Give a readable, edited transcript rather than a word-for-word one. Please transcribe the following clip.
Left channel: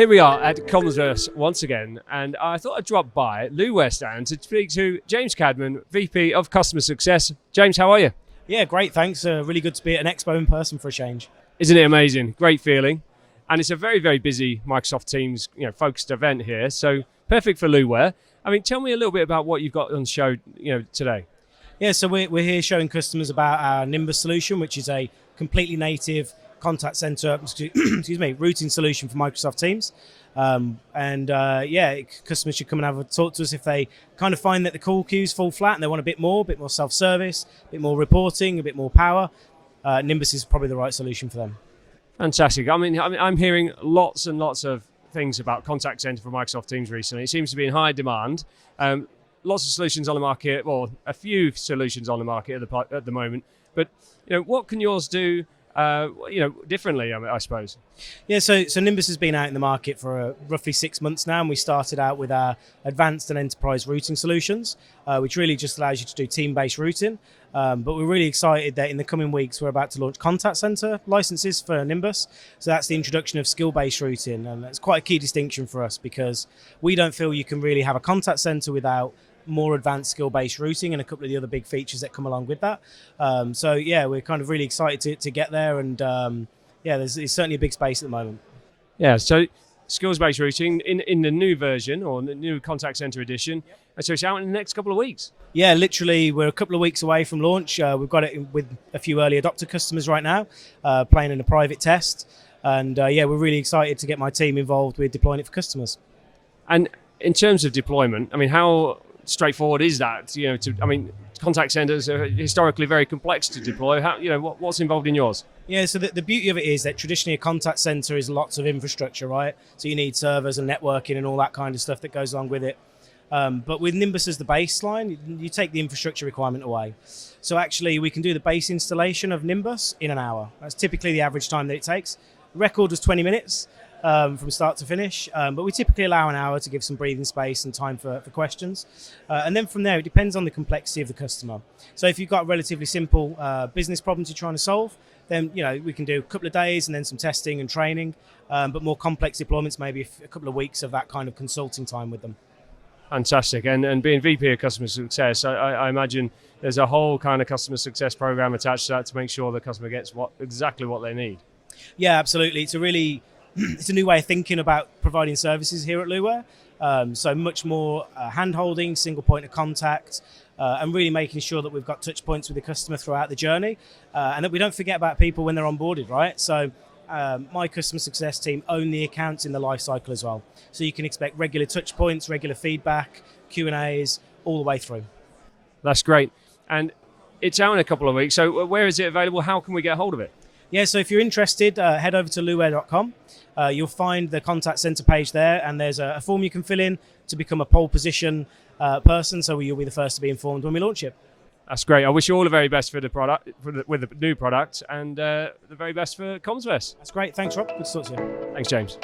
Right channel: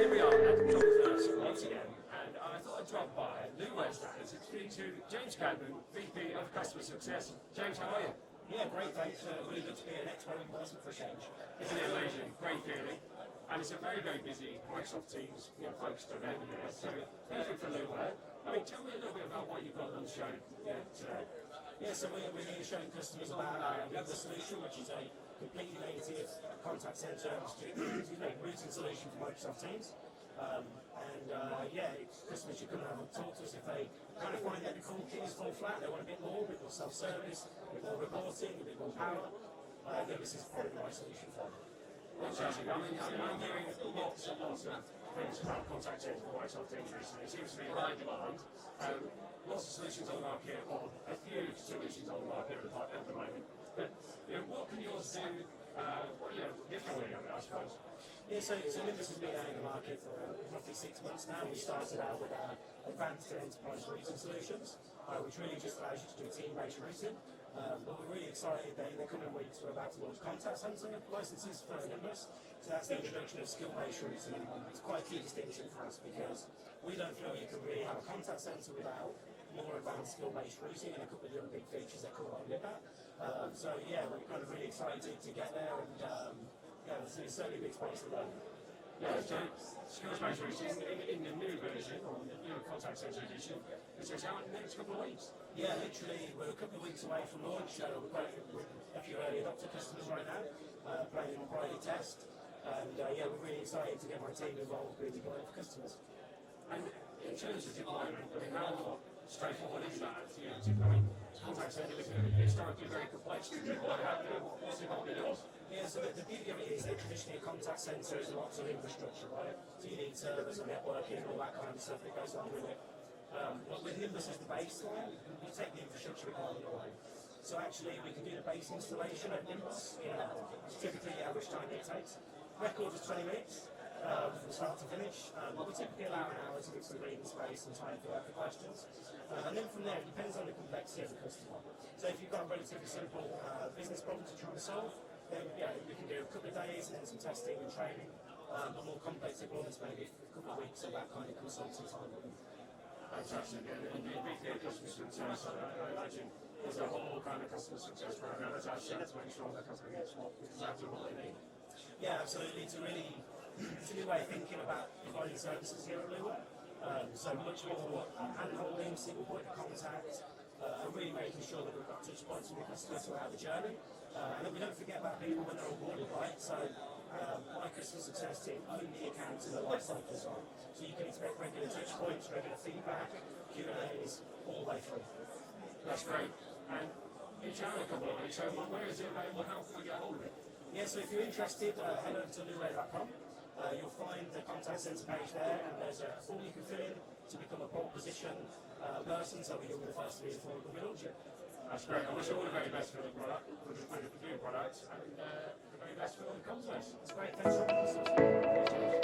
Here we are at Commsverse once again, and I thought I'd drop by Luware stand to speak to James Cadman, VP of Customer Success. James, how are you? Yeah, great, thanks. Really good to be at an expo in person for a change. Isn't it amazing? Great feeling. And it's a very, very busy Microsoft Teams focused event here, so perfect for Luware. I mean, tell me a little bit about what you've got on show today. Yeah, so we're here showing customers about our Nimbus solution, which is a completely native contact center, routing solution for Microsoft Teams. Customers should come and have a talk to us if they kind of find that the call queues fall flat and they want a bit more self-service, a bit more reporting, a bit more power. Nimbus is probably the right solution for them. Fantastic. I mean, I'm hearing lots and lots of things about Contact Centre for Microsoft Teams recently. It seems to be in high demand. Lots of solutions on the market, or a few solutions on the market at the moment. But what can yours do? Differently, I suppose. Yeah, so Nimbus has been out in the market for roughly 6 months now, and we started out with our advanced and enterprise routing solutions, which really just allows you to do team-based routing. But we're really excited that in the coming weeks, we're about to launch Contact Centre licenses for Nimbus. So that's the introduction of skill-based routing, and that's quite a key distinction for us because we don't feel you can really have a contact centre without more advanced skill-based routing and a couple of the other big features that come along with that. We're kind of really excited to get there, and there's certainly a big space at the moment. Yeah, so skills-based routing in the new version, or the new Contact Centre edition, so it's out in the next couple of weeks. Yeah, literally, we're a couple of weeks away from launch. We've got it with a few early adopter customers right now, playing in a private test, and we're really excited to get my team involved with deploying it for customers. And in terms of deployment, I mean, how straightforward is that? Contact centers are historically very complex to deploy. What's involved in yours? Yeah, so the beauty of it is that traditionally a contact center is lots of infrastructure, right? So you need servers and networking and all that kind of stuff that goes along with it. But with Nimbus as the baseline, you take the infrastructure requirement away. So actually we can do the base installation of Nimbus in an hour. That's typically the average time that it takes. The record was 20 minutes. From start to finish, but we typically allow an hour to give some breathing space and time for questions. And then from there, it depends on the complexity of the customer. So if you've got a relatively simple business problems you're trying to solve, then we can do a couple of days and then some testing and training, but more complex deployments, maybe a couple of weeks of that kind of consulting time with them. Fantastic. And being VP of Customer Success, I imagine there's a whole kind of customer success program attached to that to make sure the customer gets exactly what they need. Yeah, absolutely. It's a new way of thinking about providing services here at Luware. So much more hand-holding, single point of contact, and really making sure that we've got touch points with the customer throughout the journey, and that we don't forget about people when they're onboarded, right? So my customer success team own the accounts in the life cycle as well. So you can expect regular touch points, regular feedback, Q&As, all the way through. That's great. And it's out in a couple of weeks. So where is it available? How can we get hold of it? Yeah, so if you're interested, head over to luware.com. You'll find the contact center page there, and there's a form you can fill in to become a pole position person, so you'll be the first to be informed when we launch it. That's great. I wish you all the very best for the product, with the new product, and the very best for Commsverse. That's great. Thanks, Rob. Good to talk to you. Thanks, James.